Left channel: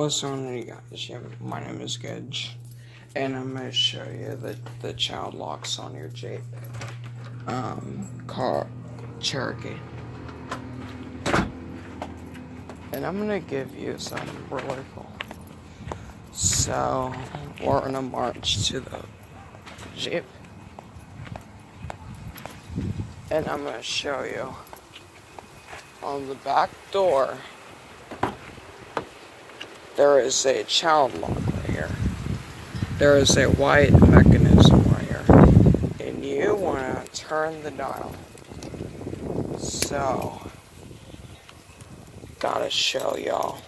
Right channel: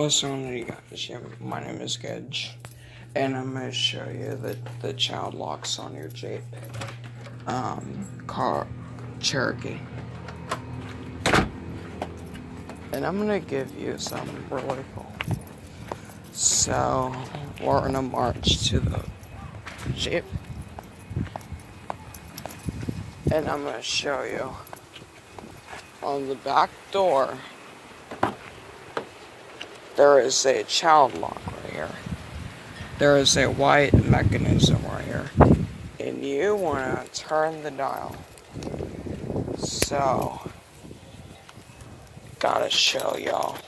What's going on, you guys? Yeah, my name is Gedge, and I'm going to show you the child locks on your Jeep car Cherokee. And I'm going to give you something really cool. So, we're going to march to the Jeep, and I'm going to show you on the back door. There is a child lock right here. There is a white mechanism right here. And you want to turn the dial. So, gotta show y'all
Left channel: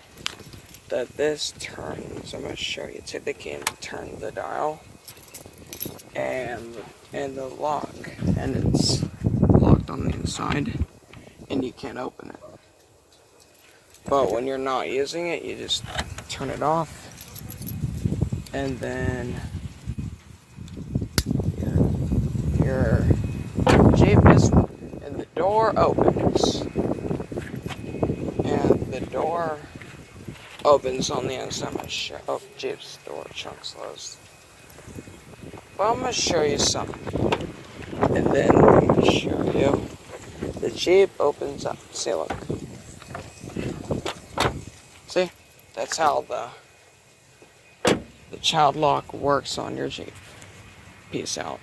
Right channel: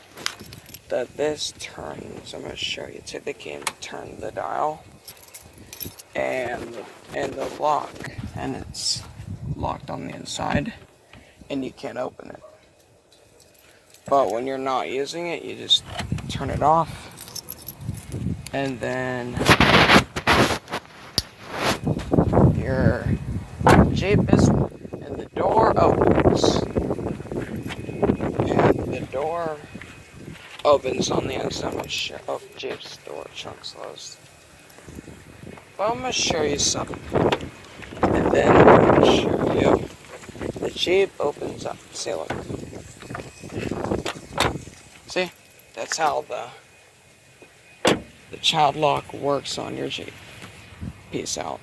that this turns. I'm going to show you. Take the key and turn the dial. And the lock. And it's locked on the inside. And you can't open it. But when you're not using it, you just turn it off. And then your Jeep is, and the door opens. And the door opens on the inside of Jeep's door, chunks closed. Well, I'm going to show you something. And then I'm going to show you the Jeep opens up. See, look. See? That's how the child lock works on your Jeep. Peace out.